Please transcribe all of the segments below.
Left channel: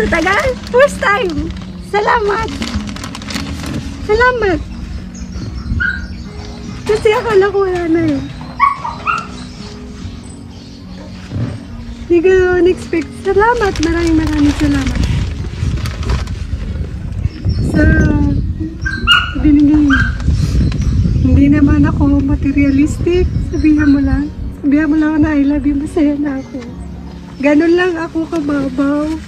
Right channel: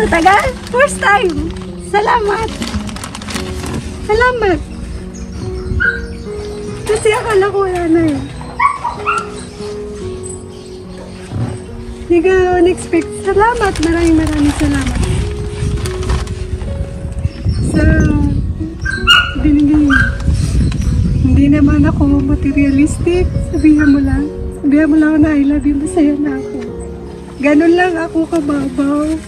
Tatagal? First time. Salamat. Salamat. Kasi akala ko wala na eh. Hindi ko in-expect. Salamat. Maraming salamat. Sa binigay mo. Hindi naman ako materialistic. Sabihan mo lang na I love you. Masaya na ako. Ganun lang ako kababaw.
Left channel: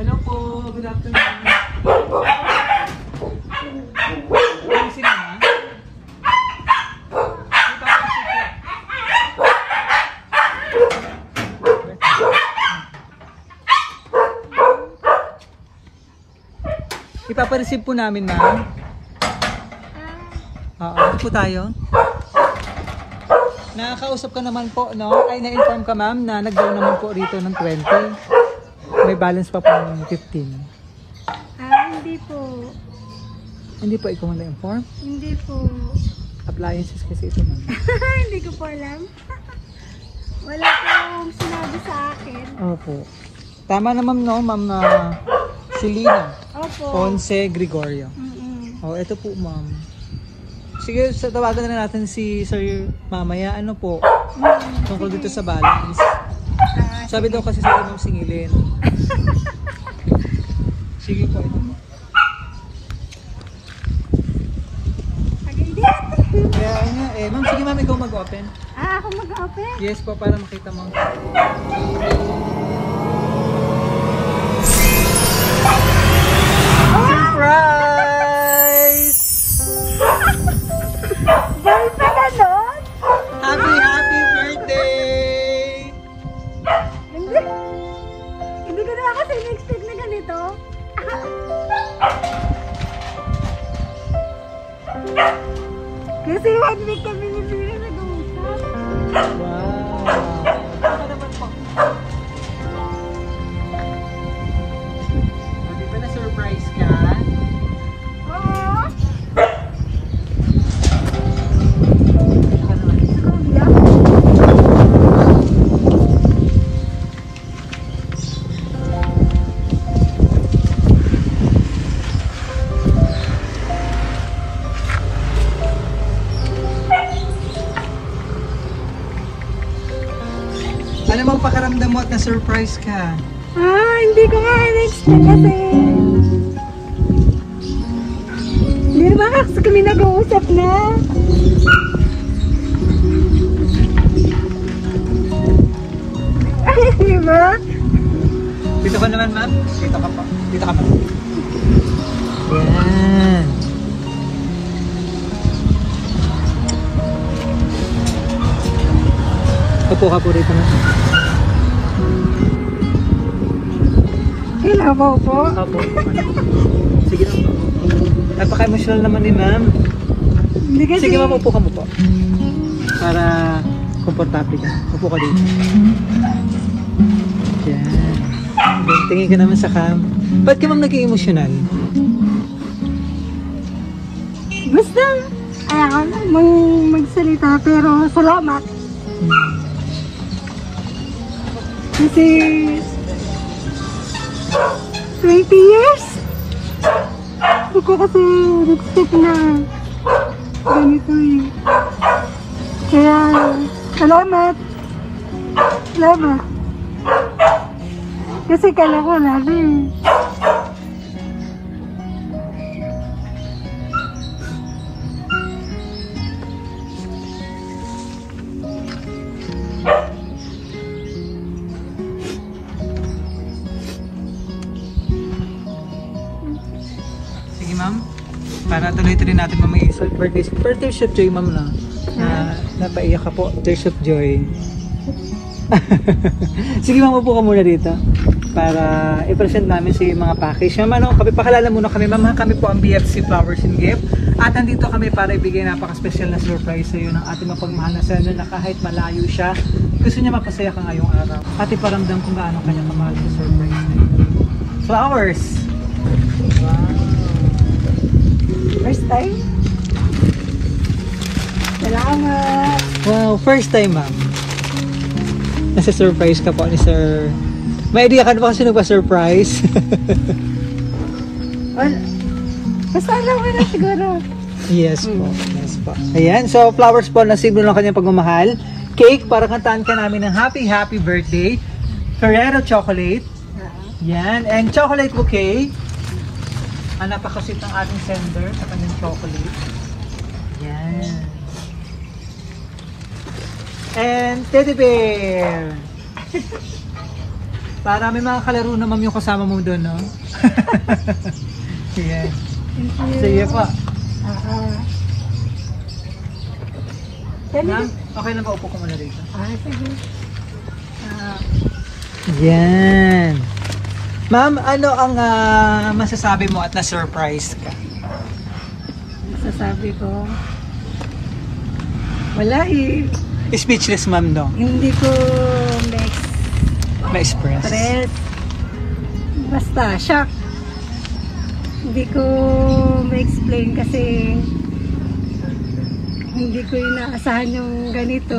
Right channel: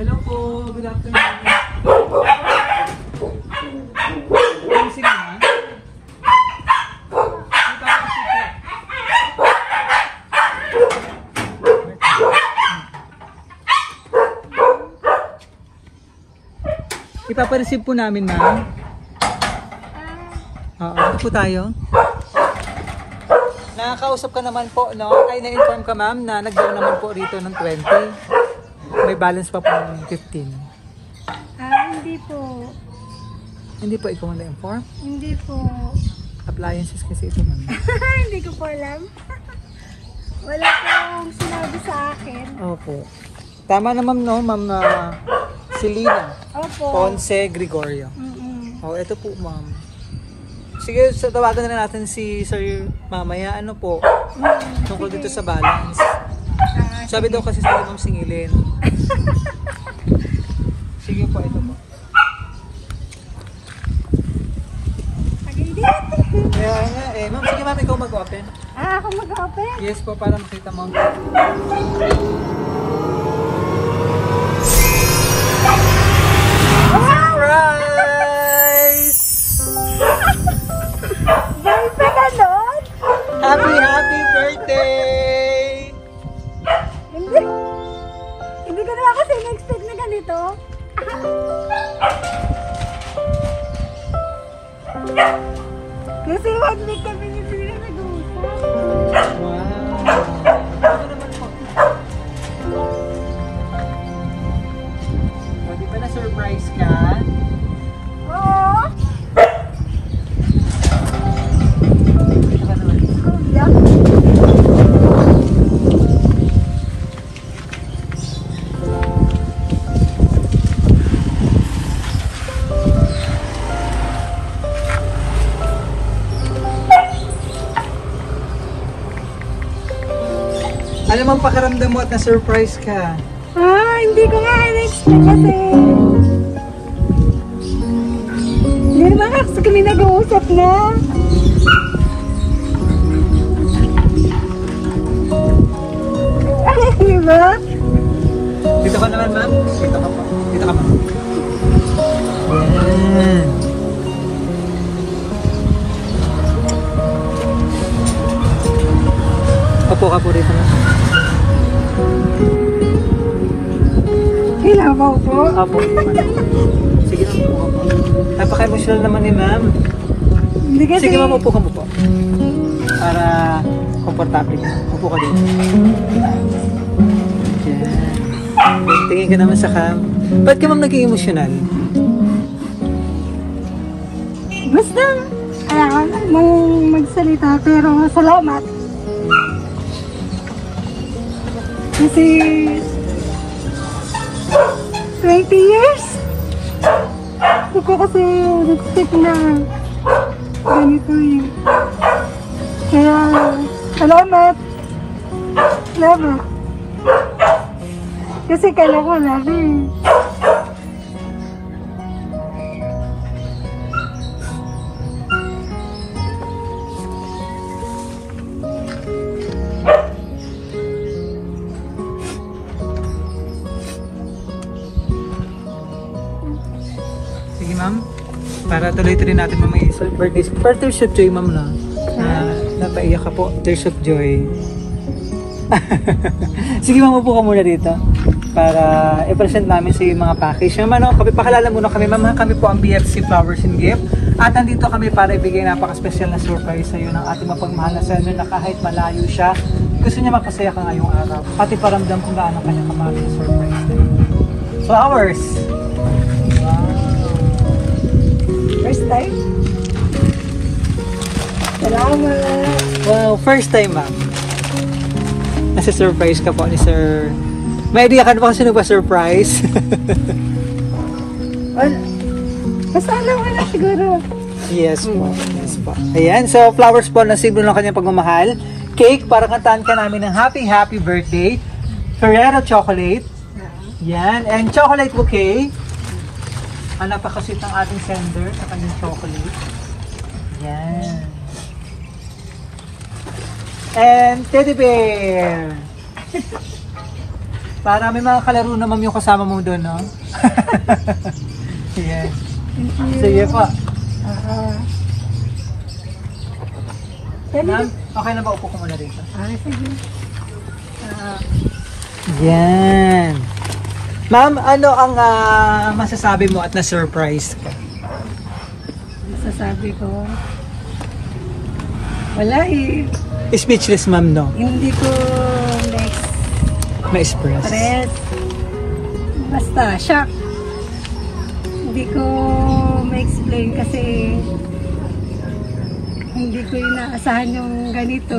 Hello po, good afternoon. Sino na? Ipapareceive po namin, ma'am. Oo, ito tayo. Nakakausap ka naman po, no? Kaya na-inform ka, ma'am, na nag-down naman po rito ng 20. May balance pa po ng 15. Hindi po. Hindi po ikaw na-inform? Hindi po. Appliances kasi ito. Hindi ko po alam. Wala pong sinabi sa akin. Opo. Tama naman no, ma'am, na Selena. Opo. Ponce Gregorio. Oh, ito po, ma'am. Sige, so tawagan na natin si Sir mamaya. Ano po? Tungkol dito sa balance. Sabi daw kasi sa akin singilin. Sige po, ito. Agay din. Kaya nga, ma'am, sige ma'am, ikaw mag-open. Ako mag-open? Yes po, parang kita ma'am. Dahil pa ka nun? Happy birthday! Hindi ko naman kasi in-expect na ganito. Kasi 1 week kami ni Pina nag-uusap. Wow! Di ba na-surprise ka? Oo. Alam mo ang pakaramdam mo at na-surprise ka? Hindi ko nga in-expect kasi. Hindi naman kasi kami nag-uusap na. Diba? Dito ka naman, ma'am. Dito ka po. Dito ka po. Yan. Opo ka po dito. Kailangan po. Opo. Sige po. Napaka-emotional naman ni ma'am. Hindi kasi. Sige ma'am, upo ka po. Para komportable ka. Upo ka dito. Tingin ka naman sa cam. Ba't ka mang naging emosyonal? Basta, alam mong magsalita pero salamat. Kasi 20 years? Hindi ko kasi nag-stick na ganito eh. Kaya, salamat. Salamat. Kasi kala ko lalo eh. Sige ma'am, para tuloy-tuloy natin mamaya sa birthday. Partnership joy ma'am na. Napaiyak ka po, partnership joy. Sige, mamupo ka muna dito para i-present namin si mga package. Naman, pakilala muna kami. Mama, kami po ang BFC Flowers and Gift. At nandito kami para ibigay napaka-special na surprise sa iyo ng ating mapagmahal na sender na kahit malayo siya, gusto niya mapasaya ka ngayong araw. At iparamdam kung gaano kanya kamahal yung surprise na ito. Flowers! Wow! First time? Salamat! First time ba? Nasa surprise ka po ni Sir. May idea ka na ba kasi nagpa-surprise? Wala. Basta alam mo na siguro. Yes po. Yes po. Ayan, so flowers po na simbolo ng kanyang pagmamahal. Cake para kantahan ka namin ng happy birthday. Ferrero chocolate. Yan. And chocolate bouquet. Ang napakasit ng ating sender sa kanyang chocolate. Yan. And teddy bear. Para may mga kalaro naman yung kasama mo doon, no? Yes. Thank you. Sige po. Ma'am, Okay na ba? Upo ko muna dito. sige. Yan. Ma'am, ano ang masasabi mo at na-surprise ka? Masasabi ko, wala eh. Speechless, ma'am, no? Hindi ko Ma-express. express. Basta, shock. Hindi ko ma-explain kasi hindi ko inaasahan yung ganito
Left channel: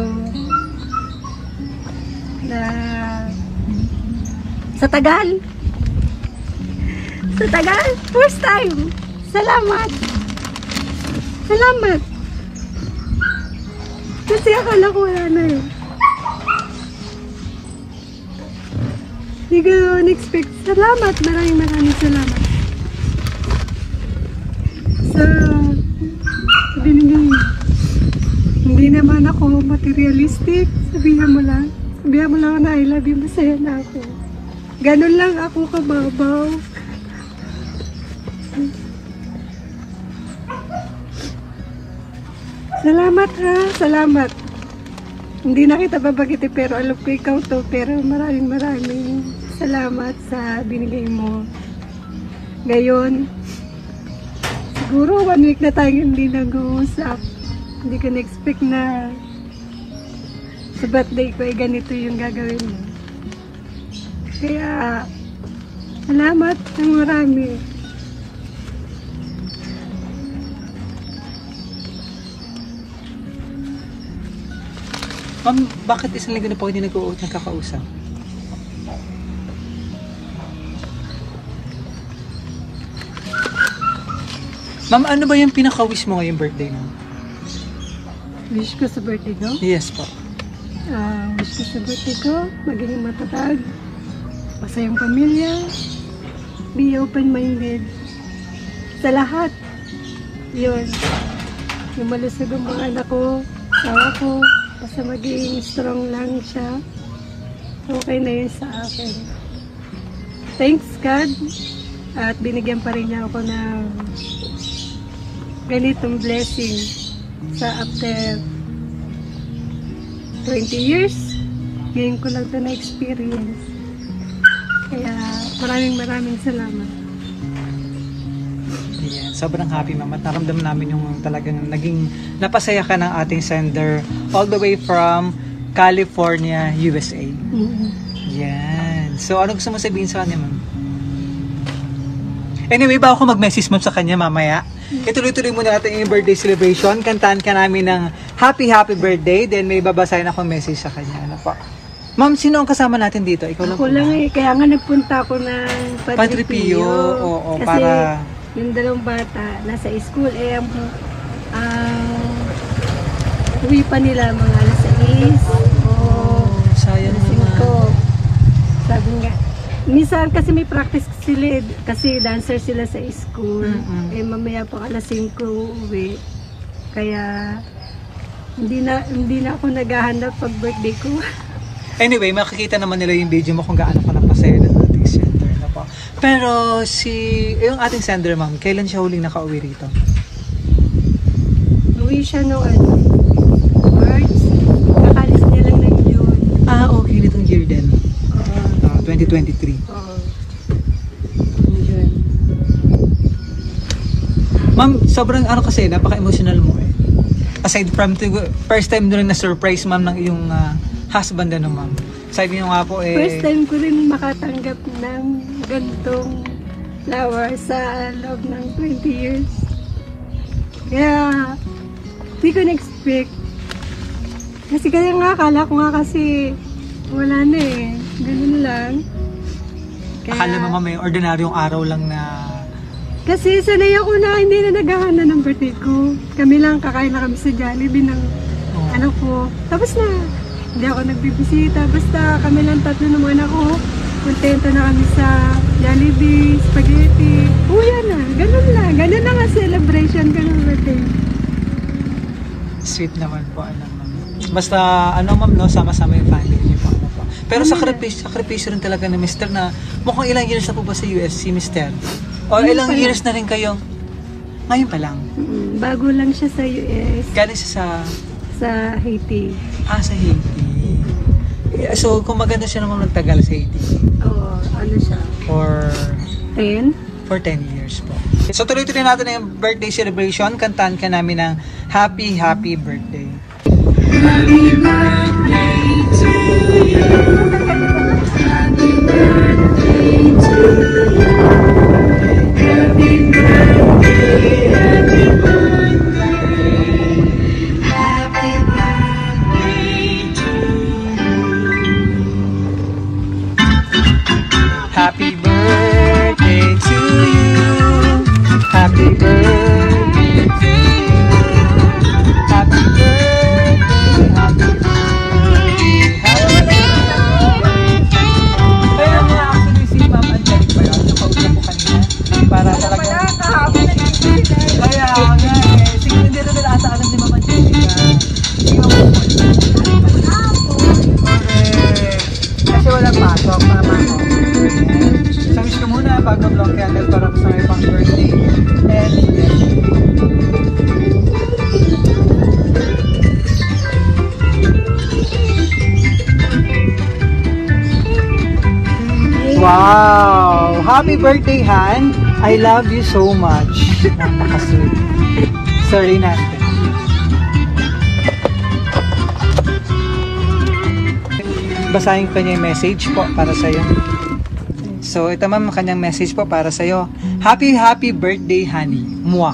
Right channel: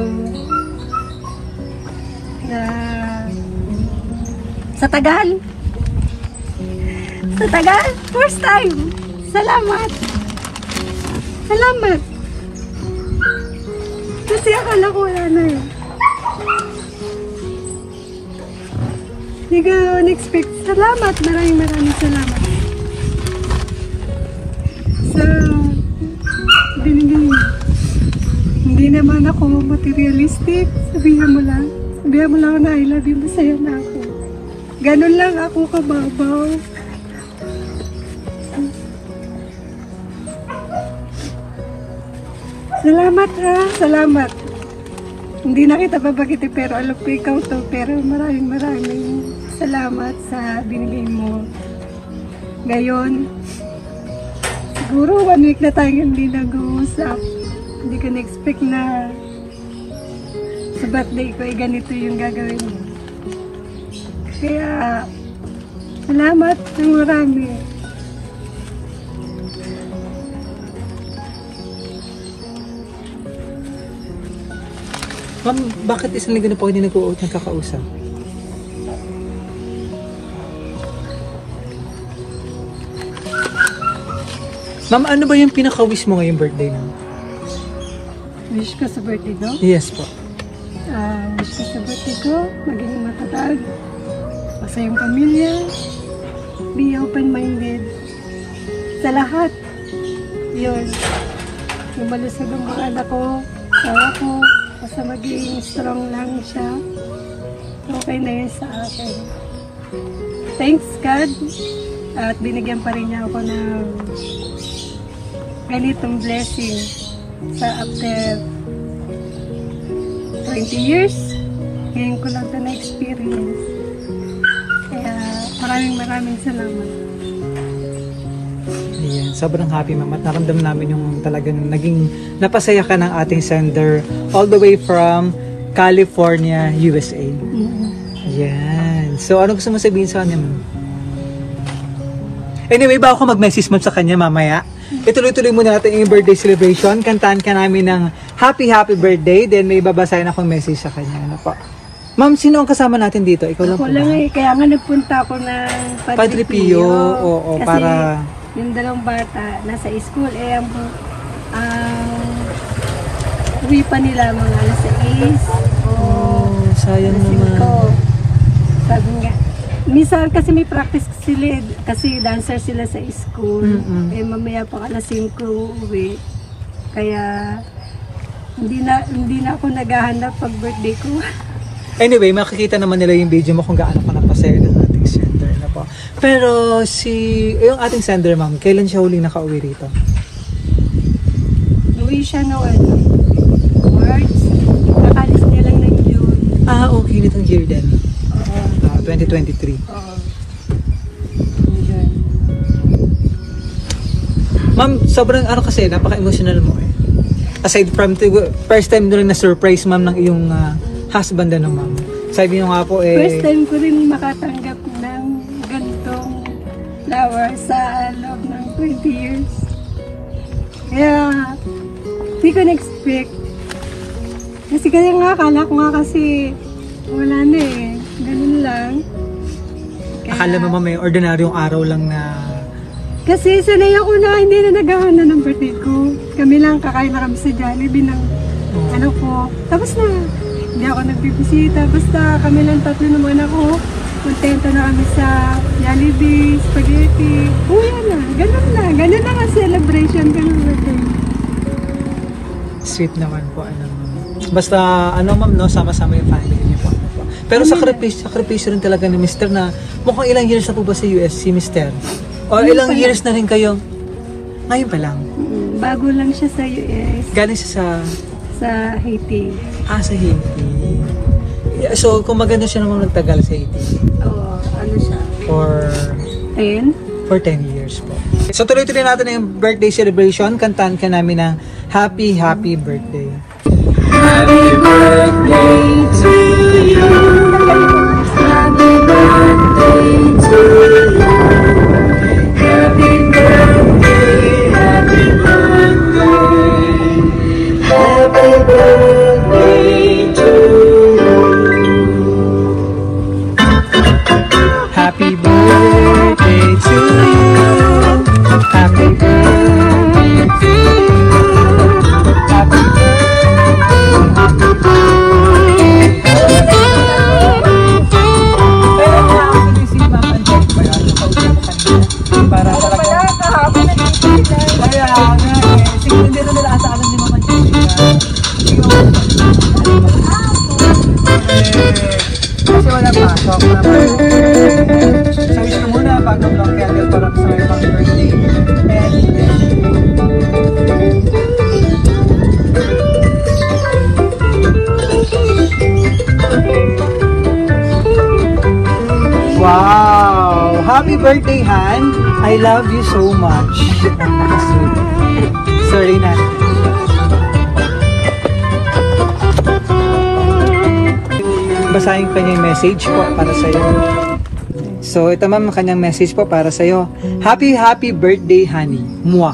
na sa tagal. Sa tagal, first time. Salamat. Salamat. Kasi akala ko wala na eh. Hindi ko in-expect. Salamat. Maraming salamat. Sa binigay. Hindi naman ako materialistic. Sabihan mo lang na I love you. Masaya na ako. Ganun lang ako kababaw. Salamat ha. Salamat. Hindi na kita babagiti pero alam ko ikaw to. Pero maraming salamat sa binigay mo. Ngayon, siguro 1 week na tayong hindi nag-uusap. Hindi ko na-expect na sa birthday ko ay ganito yung gagawin mo. Kaya, salamat ng marami. Ma'am, bakit isang linggo na po hindi nagkakausap? Ma'am, ano ba yung pinaka-wish mo ngayong birthday mo? Wish ko sa birthday ko? Yes po. Wish ko sa birthday ko, maging matatag, masayang pamilya, be open-minded sa lahat. Yun. Yung malusog ang mga anak ko, asawa ko, basta maging strong lang siya. Okay na yun sa akin. Thanks God. At binigyan pa rin niya ako ng ganitong blessing sa after 20 years. Ngayon ko lang ito na-experience. Kaya maraming salamat. Ayan, sobrang happy ma'am at naramdaman namin yung talagang naging napasaya ka ng ating sender all the way from California, USA. Ayan. So, ano gusto mo sabihin sa kanya ma'am? Anyway, bago ko mag-message mo sa kanya mamaya, ituloy-tuloy muna natin yung birthday celebration. Kantaan ka namin ng happy birthday. Then may babasahin ako message sa kanya. Ano pa? Ma'am, sino ang kasama natin dito? Ikaw lang Ako lang eh. Kaya nga nagpunta ako ng Padre Pio. Oo, kasi para yung dalawang bata nasa school eh ang uwi pa nila mga alas 6 o sayang alas naman. 5. Sabi nga, minsan kasi may practice sila kasi dancer sila sa school. Eh mamaya pa alas 5 uwi. Kaya hindi na ako naghahanap pag birthday ko. Anyway, makikita naman nila yung video mo kung gaano ka napasaya ng ating sender na po. Pero yung ating sender ma'am, kailan siya huling nakauwi rito? Uwi siya no March. Kakalis niya lang ng June. Okay. 2023. Oo. Yun. Ma'am, sobrang ano kasi, napaka-emotional mo eh. Aside from first time na rin na-surprise ma'am ng iyong husband ano ma'am. Sabi niyo nga po eh... First time ko rin makatanggap ng gantong flower sa loob ng 20 years. Kaya, hindi ko na-expect. Kasi kaya nga, akala ko nga kasi wala na eh. Ganun lang. Kaya, Akala mo ma'am, may ordinaryong araw lang na... Kasi sanay ako na hindi na naghahanda ng birthday ko. Kami lang, kakain na kami sa Jollibee ng anak ko. Tapos na, hindi ako nagbibisita. Basta kami lang tatlo ng mga anak ko. Kontento na kami sa Jollibee, spaghetti. Uya na, ganun na. Ganun na nga celebration ko ng birthday. Sweet naman po. Ano, ma'am. Basta ano ma'am, no, sama-sama yung family niyo po. Pero sakripisyo rin talaga ni Mr. na mukhang ilang years na po ba sa US si Mr.? O ilang years na rin kayo? Ngayon pa lang. Bago lang siya sa US. Galing siya Sa Haiti. sa Haiti. Yeah, so, kung maganda siya namang nagtagal sa Haiti. Oo, ano siya? For 10? 10 years po. So, tuloy-tuloy natin yung birthday celebration. Kantahan ka namin ng Happy, Happy Birthday. Happy birthday to you. Happy birthday to you. Happy birthday, happy birthday. Happy birthday to you. Happy birthday to you. Happy birthday to you. Happy birthday, happy birthday, happy birthday. Pero actually si Ma'am Angelic ba yun? Yung kausap ko kanina. Para talaga. Kaya nga eh. Sige, hindi na nila ata alam ni Ma'am Angelic. Sige mo. Kasi walang pasok na mama. So wish ko muna bago blow candle para sa may pang birthday. And bless you. Wow! Happy birthday, Han! I love you so much. Sorry na. Basahin ko yung message po para sa'yo. So, ito ma'am, kanyang message po para sa'yo. Happy, happy birthday, honey. Mwah.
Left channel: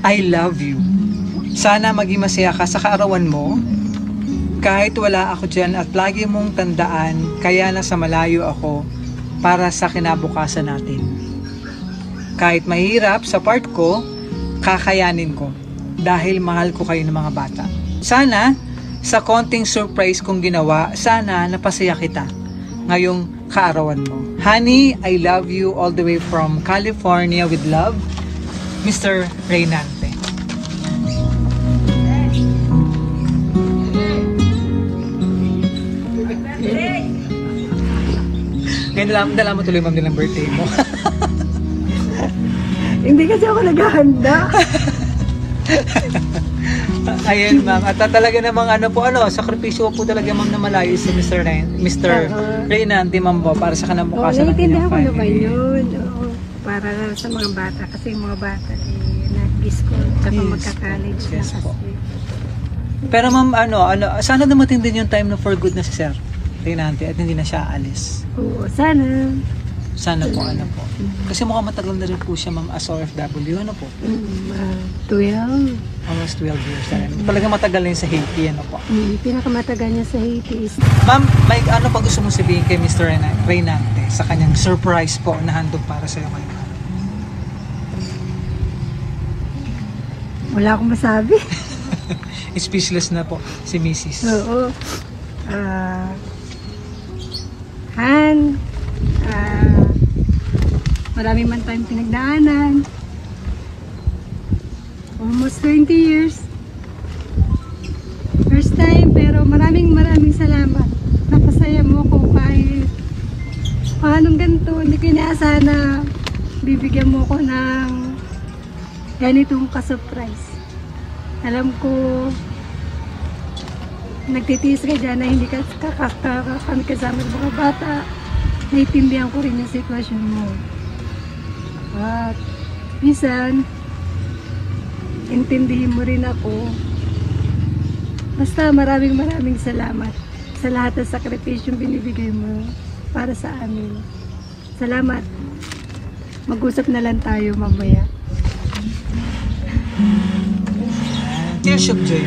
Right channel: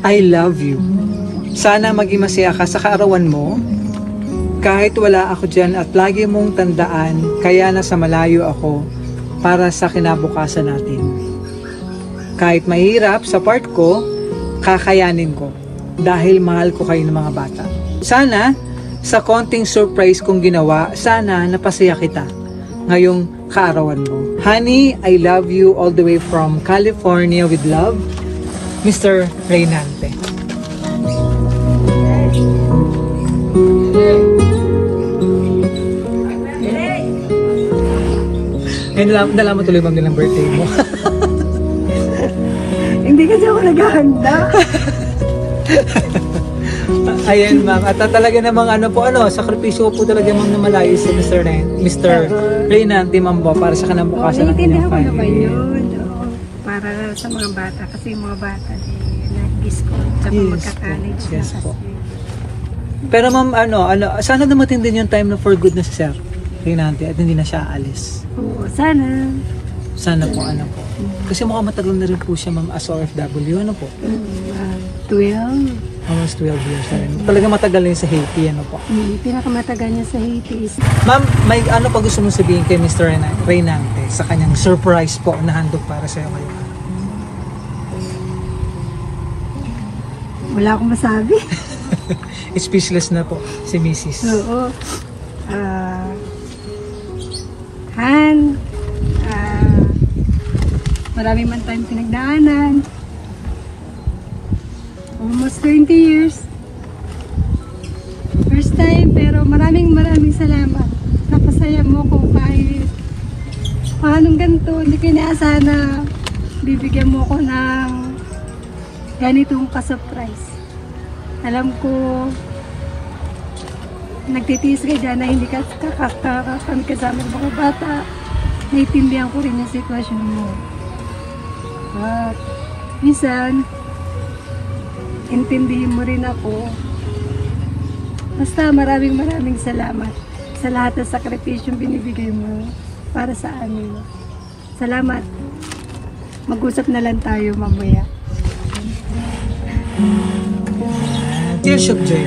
I love you. Sana maging masaya ka sa kaarawan mo. Kahit wala ako dyan at lagi mong tandaan, kaya nasa malayo ako para sa kinabukasan natin. Kahit mahirap sa part ko, kakayanin ko dahil mahal ko kayo ng mga bata. Sana, sa konting surprise kong ginawa, sana napasaya kita ngayong kaarawan mo. Honey, I love you all the way from California with love, Mr. Reynante. Ngayon nalaman tuloy ma'am din ang birthday mo. Hindi kasi ako naghahanda. Ayan ma'am, at talaga namang ano po, sakripisyo po talaga ma'am na malayo sa Mr. Reynante ma'am po para sa kanabukasan. Naiintindihan ko naman yun. Oo, para sa mga bata. Kasi yung mga bata, nag-school, tsaka magka-college na kasi. Pero ma'am, sana dumating din yung time na for good na si Sir Reynante at hindi na siya aalis. Oo, sana. Sana po, po. Kasi mukhang matagal na rin po siya ma'am as OFW, ano po? 12. Almost 12 years na rin. Talaga matagal na yun sa Haiti, ano po? Pinakamatagal niya sa Haiti is... Ma'am, may ano pa gusto mong sabihin kay Mr. Reynante sa kanyang surprise po na handog para sa'yo ngayon? Wala akong masabi. Speechless na po si Mrs. Oo. Han, marami man tayong pinagdaanan. Almost 20 years. First time, pero maraming salamat. Napasaya mo ko kahit paanong ganito. Hindi ko inaasahan na bibigyan mo ko ng ganitong ka-surprise. Alam ko, nagtitiis ka dyan na hindi kami kasama ng mga bata. naiintindihan ko rin yung sitwasyon mo. At minsan, intindihin mo rin ako. Basta maraming salamat sa lahat ng sakripisyong binibigay mo para sa amin. Salamat. Mag-usap na lang tayo mamaya. Tears of joy.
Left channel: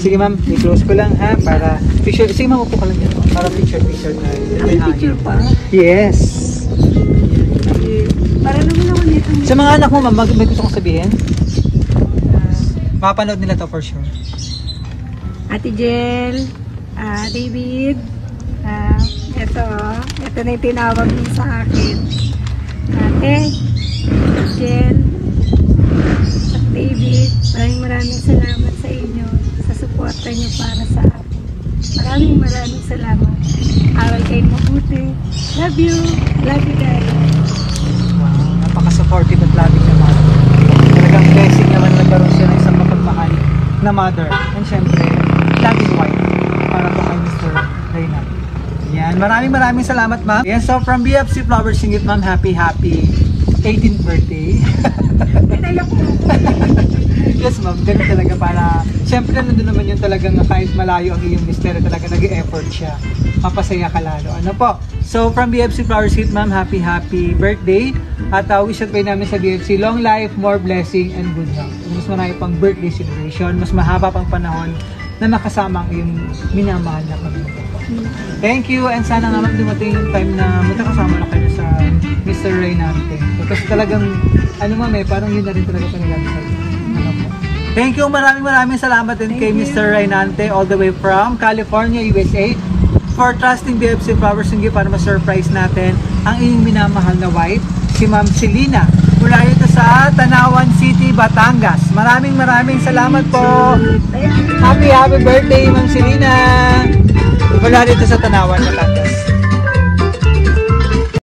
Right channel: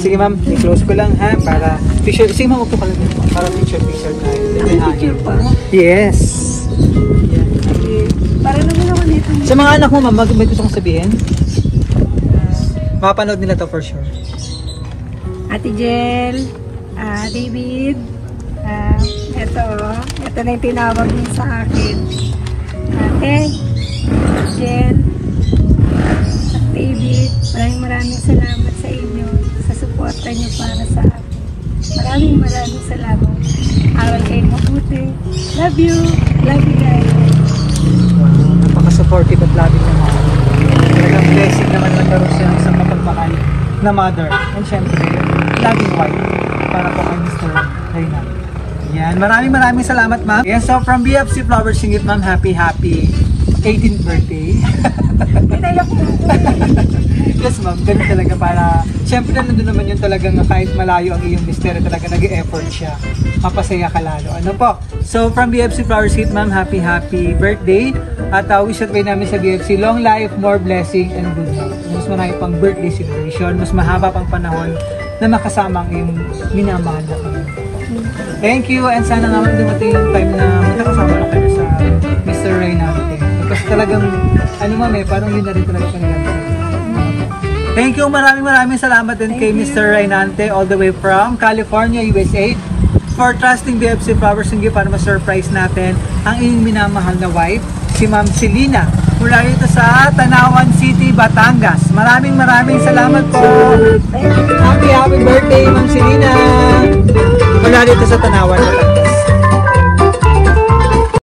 Sige ma'am, i-close ko lang ha, para picture. Sige ma'am, upo ka lang. Para picture. Ang picture pa? Yes. Okay. Para naman ako nito. Sa mga anak mo ma'am, may gusto kong sabihin? Makapanood nila to for sure. Ate Jel, David, ito na yung tinawag niyo sa akin. Ate, Jel, at David, maraming salamat sa inyo, sa suporta niyo para sa akin. Maraming salamat. Aral kayo mabuti. Love you guys. Wow, napaka-supportive at loving naman. Talagang blessing naman na nagkaroon siya ng isang mapagmahal na mother. And syempre, loving wife para po kay Mr. Reynald. Yan, maraming salamat ma'am. Yes, so from BFC Flower Singit ma'am, happy 18th birthday. Pinayak mo. Yes ma'am, ganun talaga para, syempre nandun naman yun talagang kahit malayo ang iyong mister, talaga nag-e-effort siya. Mapasaya ka lalo. Ano po? So from BFC Flower Singit ma'am, happy birthday. At wish at by namin sa BFC, long life, more blessing, and good health. Mas marami pang birthday celebration, mas mahaba pang panahon na makasama ang iyong minamahal na pamilya po. Thank you, and sana nga dumating yung time na magkakasama na kayo sa Mr. Reynante. Kasi talagang, parang yun na rin talaga panagamit. Thank you, maraming salamat din kay Mr. Reynante all the way from California, USA for trusting BFC Flowers Singit para ma-surprise natin ang iyong minamahal na wife, si Ma'am Celina, mula rito sa Tanawan City, Batangas. Maraming salamat po. Happy birthday, Ma'am Celina. Mula rito sa Tanawan, Batangas.